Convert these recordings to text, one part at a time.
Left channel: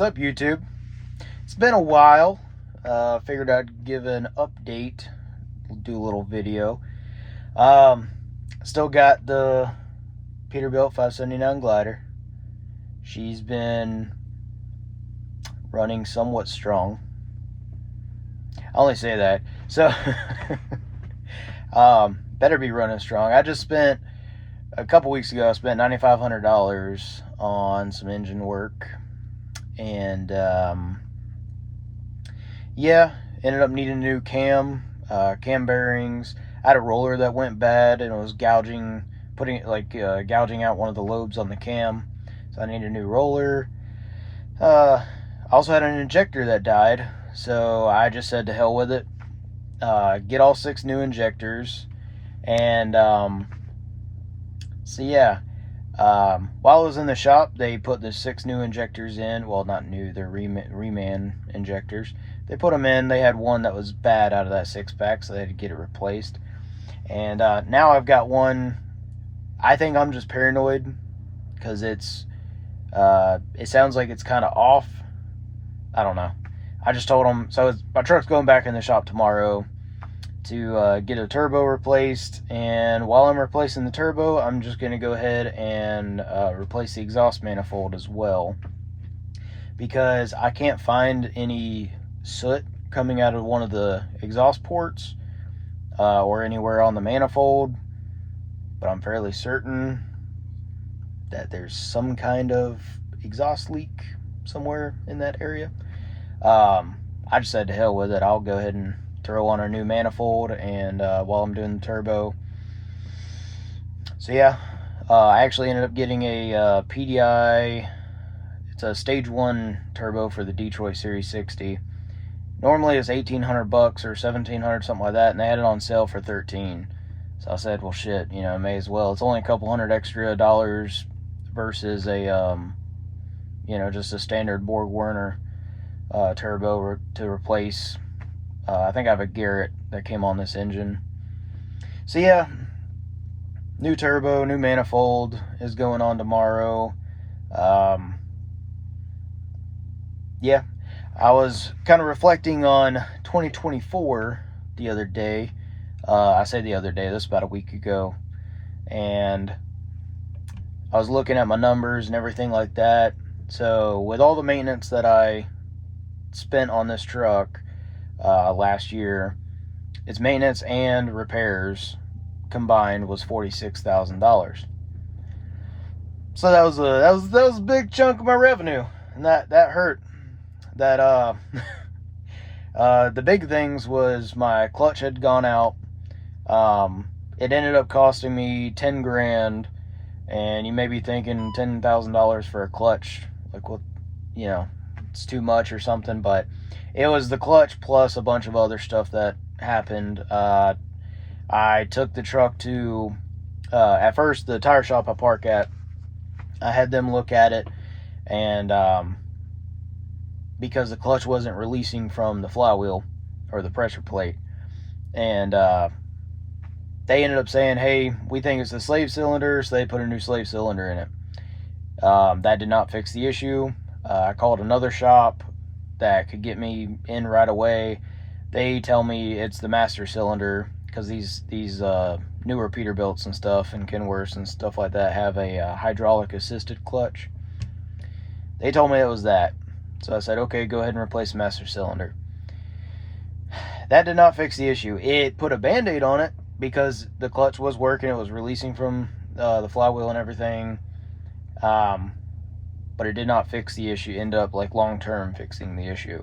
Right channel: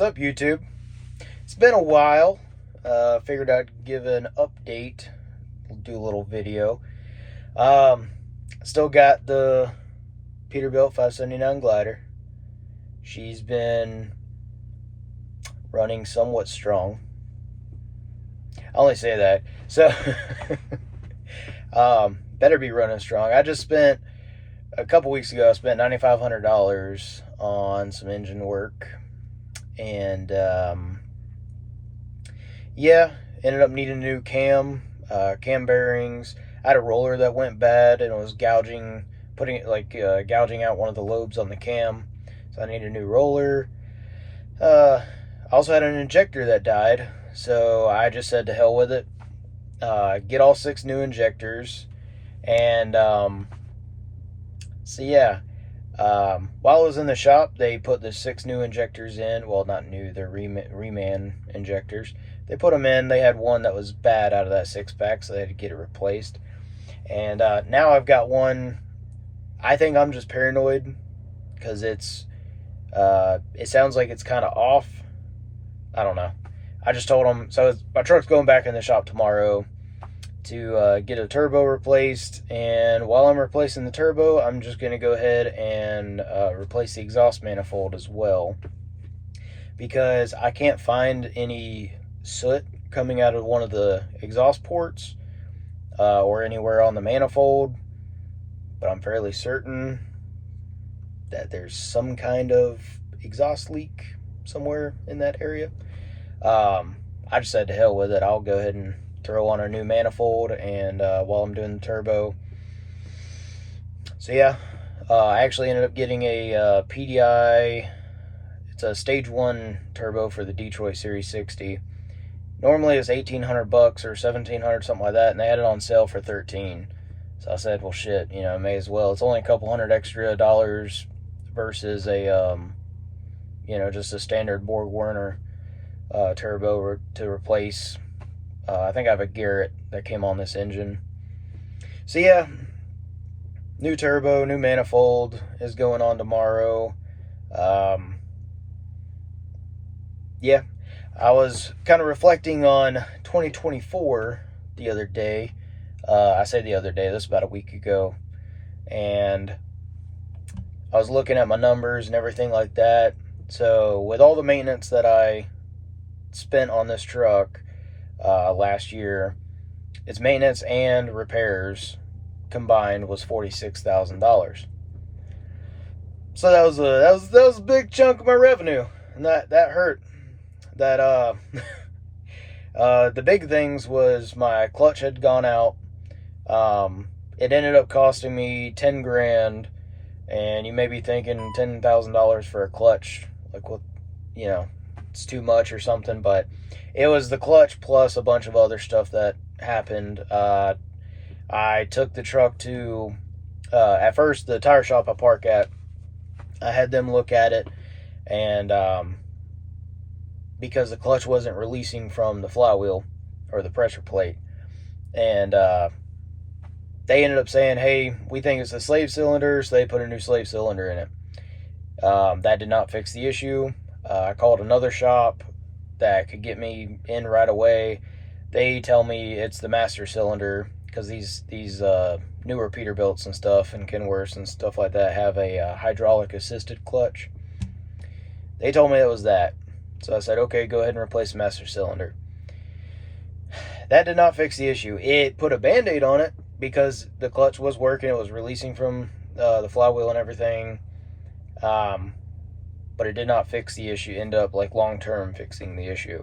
What's up, YouTube? It's been a while. Figured I'd give an update, do a little video. Still got the Peterbilt 579 glider. She's been running somewhat strong. I only say that. So, better be running strong. I just spent, a couple weeks ago, I spent $9,500 on some engine work. And, yeah, ended up needing a new cam bearings. I had a roller that went bad and it was gouging out one of the lobes on the cam. So I needed a new roller. I also had an injector that died. So I just said to hell with it. Get all 6 new injectors. And, so yeah. While I was in the shop, they put the 6 new injectors in. Well, not new, they're reman injectors. They put them in. They had one that was bad out of that 6-pack, so they had to get it replaced. And now I've got one. I think I'm just paranoid because it sounds like it's kind of off. I don't know. I just told them. So my truck's going back in the shop tomorrow to get a turbo replaced, and while I'm replacing the turbo, I'm just going to go ahead and replace the exhaust manifold as well, because I can't find any soot coming out of one of the exhaust ports or anywhere on the manifold, but I'm fairly certain that there's some kind of exhaust leak somewhere in that area. I just said to hell with it. I'll go ahead and throw on a new manifold, and while I'm doing the turbo. So yeah, I actually ended up getting a PDI. It's a stage 1 turbo for the Detroit Series 60. Normally it's $1,800 or $1,700, something like that, and they had it on sale for $13. So I said, well, shit, may as well. It's only a couple hundred extra dollars versus a just a standard Borg Warner turbo to replace. I think I have a Garrett that came on this engine. So yeah, new turbo, new manifold is going on tomorrow. Yeah, I was kind of reflecting on 2024 the other day. I say the other day, this was about a week ago. And I was looking at my numbers and everything like that. So with all the maintenance that I spent on this truck last year, its maintenance and repairs combined was $46,000. So that was a big chunk of my revenue, and that hurt. That the big things was my clutch had gone out. It ended up costing me 10 grand, and you may be thinking $10,000 for a clutch, like, what, it's too much or something, but it was the clutch plus a bunch of other stuff that happened. I took the truck to, at first, the tire shop I park at. I had them look at it, and because the clutch wasn't releasing from the flywheel or the pressure plate, and they ended up saying, hey, we think it's the slave cylinder, so they put a new slave cylinder in it. That did not fix the issue. I called another shop that could get me in right away. They tell me it's the master cylinder, because these newer Peterbilts and stuff and Kenworths and stuff like that have a hydraulic assisted clutch. They told me it was that. So I said, okay, go ahead and replace the master cylinder. That did not fix the issue. It put a band-aid on it because the clutch was working. It was releasing from the flywheel and everything. But it did not fix the issue. End up long-term fixing the issue.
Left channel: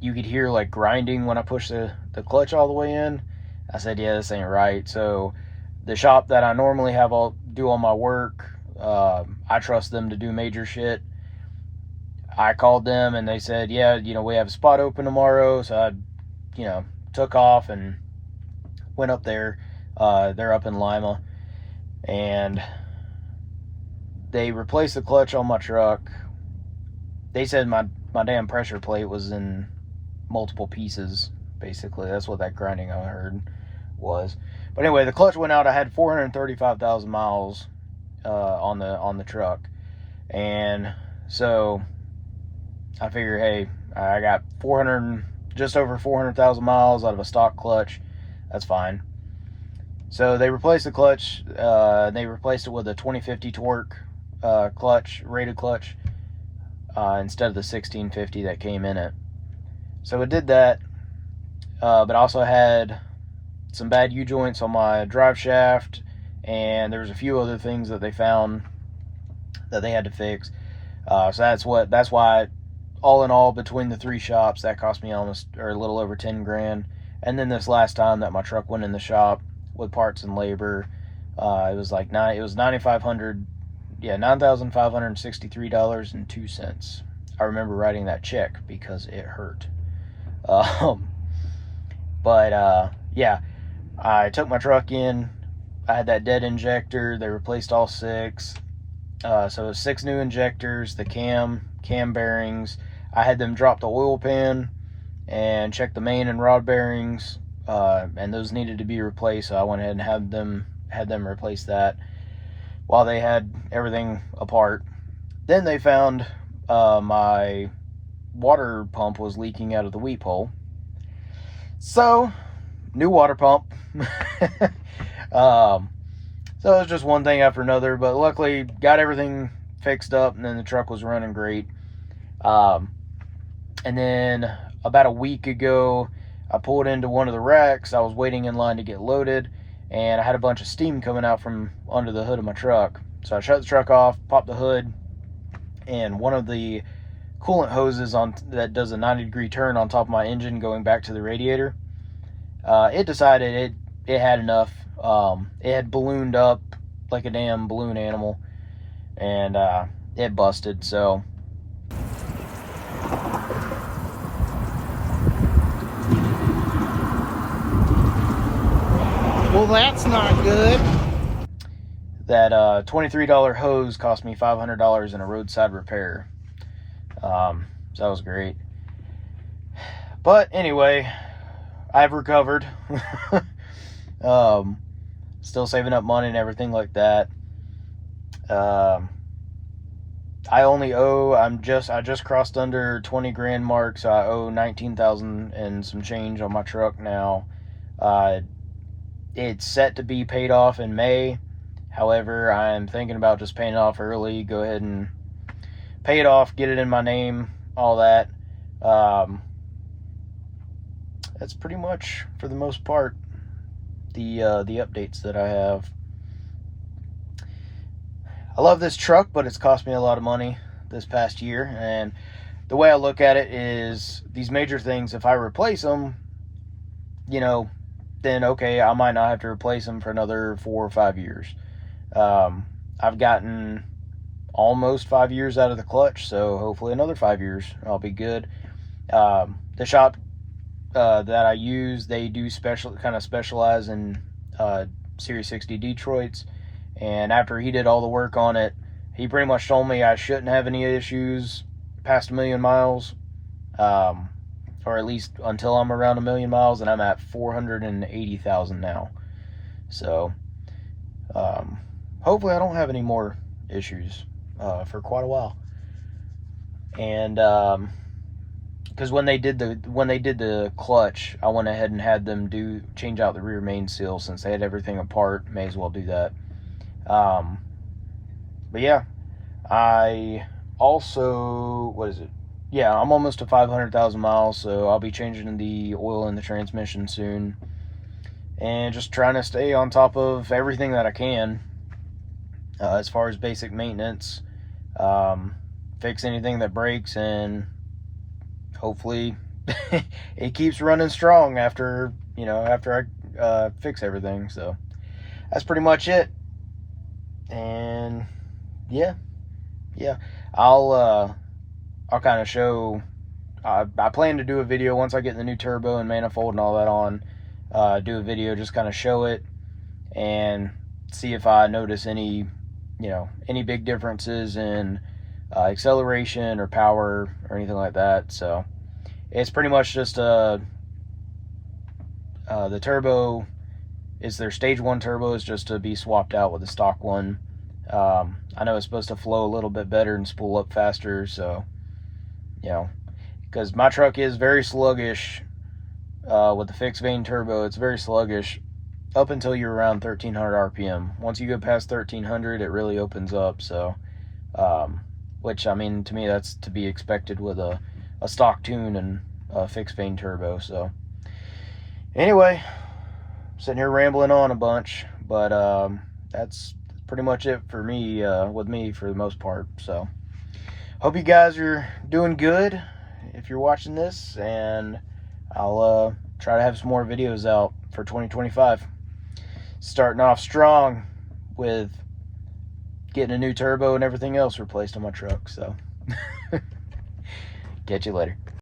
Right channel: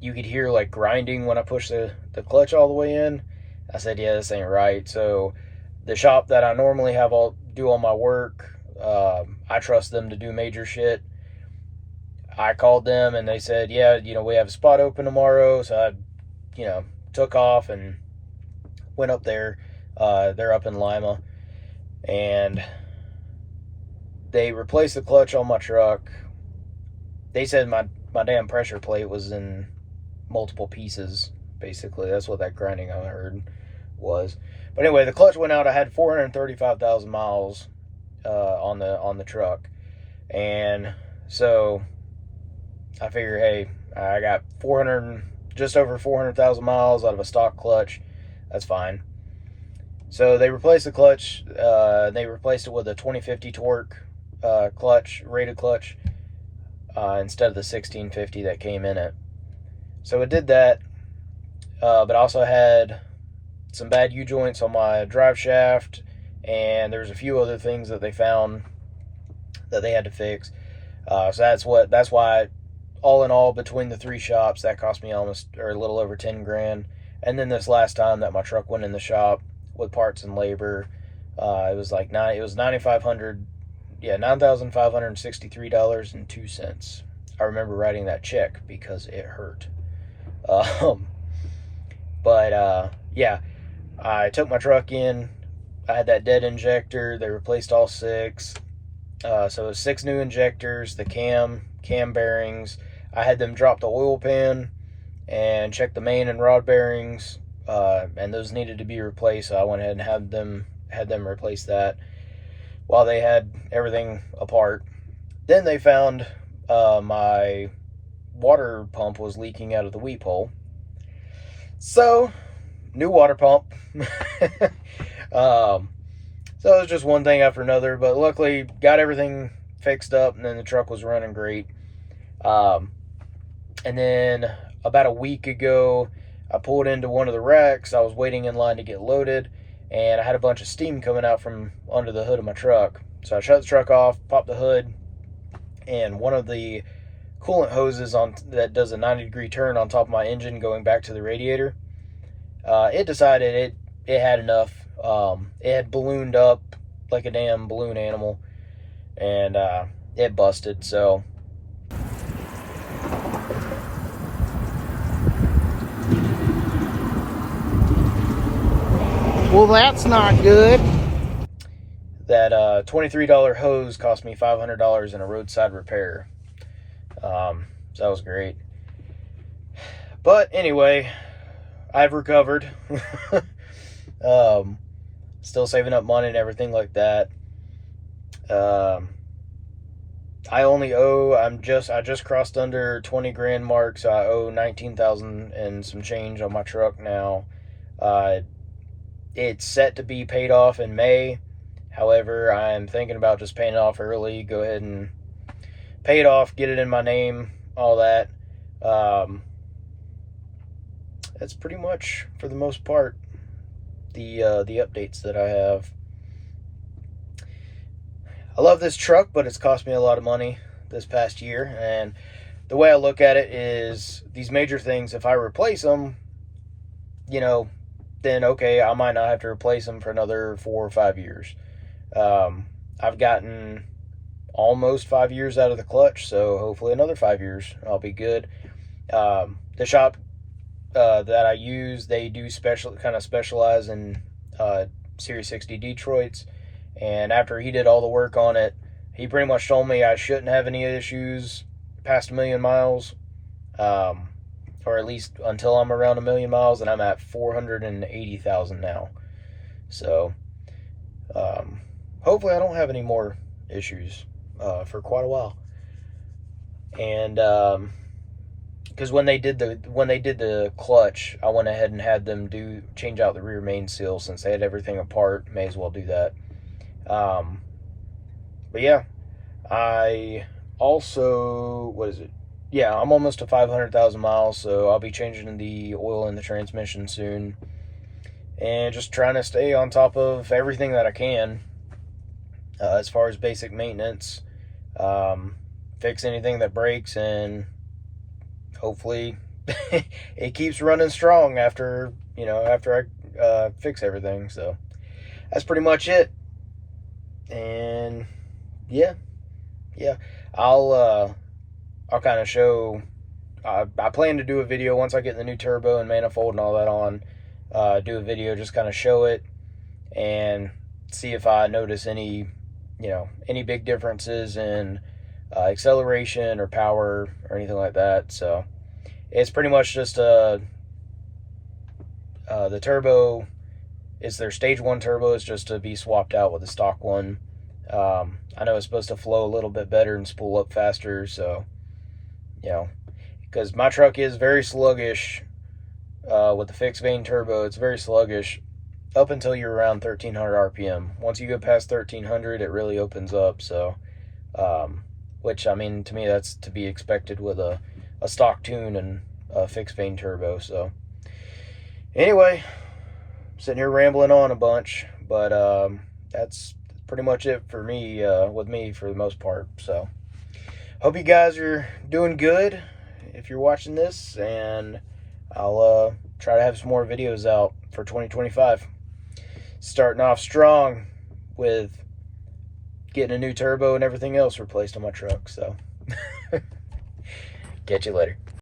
You could hear grinding when I pushed the clutch all the way in. I said, yeah, this ain't right. So the shop that I normally do all my work, I trust them to do major shit. I called them and they said, yeah, we have a spot open tomorrow. So I, took off and went up there. They're up in Lima, and they replaced the clutch on my truck. They said my damn pressure plate was in multiple pieces, basically. That's what that grinding I heard was. But anyway, the clutch went out. I had 435,000 miles on the truck, and So I figure, hey, I got just over 400,000 miles out of a stock clutch. That's fine. So they replaced the clutch. They replaced it with a 2050 torque clutch, rated clutch, instead of the 1650 that came in it. So it did that, but also had some bad U-joints on my drive shaft, and there's a few other things that they found that they had to fix. So that's why, all in all, between the 3 shops, that cost me almost, or a little over 10 grand. And then this last time that my truck went in the shop with parts and labor, it was like $9,563.02. I remember writing that check because it hurt. Yeah, I took my truck in. I had that dead injector. They replaced all 6. So it was 6 new injectors, the cam bearings. I had them drop the oil pan and check the main and rod bearings, and those needed to be replaced. So I went ahead and had them replace that while they had everything apart. Then they found my water pump was leaking out of the weep hole. So, new water pump. So it was just one thing after another, but luckily got everything fixed up, and then the truck was running great. And then about a week ago, I pulled into one of the wrecks. I was waiting in line to get loaded, and I had a bunch of steam coming out from under the hood of my truck. So I shut the truck off, popped the hood, and one of the coolant hoses that does a 90-degree turn on top of my engine going back to the radiator, it decided it had enough. It had ballooned up like a damn balloon animal, and it busted. So well, that's not good. That $23 hose cost me $500 in a roadside repair. So that was great. But anyway, I've recovered. Still saving up money and everything like that. I just crossed under 20 grand mark, so I owe 19,000 and some change on my truck now. It's set to be paid off in May. However, I'm thinking about just paying it off early. Go ahead and pay it off, get it in my name, all that. That's pretty much, for the most part, the updates that I have. I love this truck, but it's cost me a lot of money this past year, and the way I look at it is these major things, if I replace them, then okay, I might not have to replace them for another 4 or 5 years. I've gotten almost 5 years out of the clutch, so hopefully another 5 years I'll be good. The shop that I use, they do specialize in Series 60 Detroits, and after he did all the work on it, he pretty much told me I shouldn't have any issues past 1 million miles, or at least until I'm around 1 million miles, and I'm at 480,000 now. So hopefully I don't have any more issues for quite a while. And because when they did the clutch, I went ahead and had them change out the rear main seal. Since they had everything apart, may as well do that. But yeah, I also, I'm almost to 500,000 miles, so I'll be changing the oil in the transmission soon, and just trying to stay on top of everything that I can as far as basic maintenance, fix anything that breaks, and hopefully it keeps running strong after I fix everything. So that's pretty much it. And yeah, I'll kind of show. I plan to do a video once I get the new turbo and manifold and all that on. Do a video, just kind of show it and see if I notice any big differences in acceleration or power or anything like that. So it's pretty much just the turbo. It's their stage 1 turbo is just to be swapped out with the stock one. I know it's supposed to flow a little bit better and spool up faster, so, you know, because my truck is very sluggish with the fixed vane turbo. It's very sluggish up until you're around 1300 RPM. Once you go past 1300, it really opens up, so, which, I mean, to me, that's to be expected with a stock tune and a fixed vane turbo, so. Anyway, sitting here rambling on a bunch, but that's pretty much it for me, with me for the most part. So hope you guys are doing good if you're watching this, and I'll try to have some more videos out for 2025. Starting off strong with getting a new turbo and everything else replaced on my truck. So catch you later.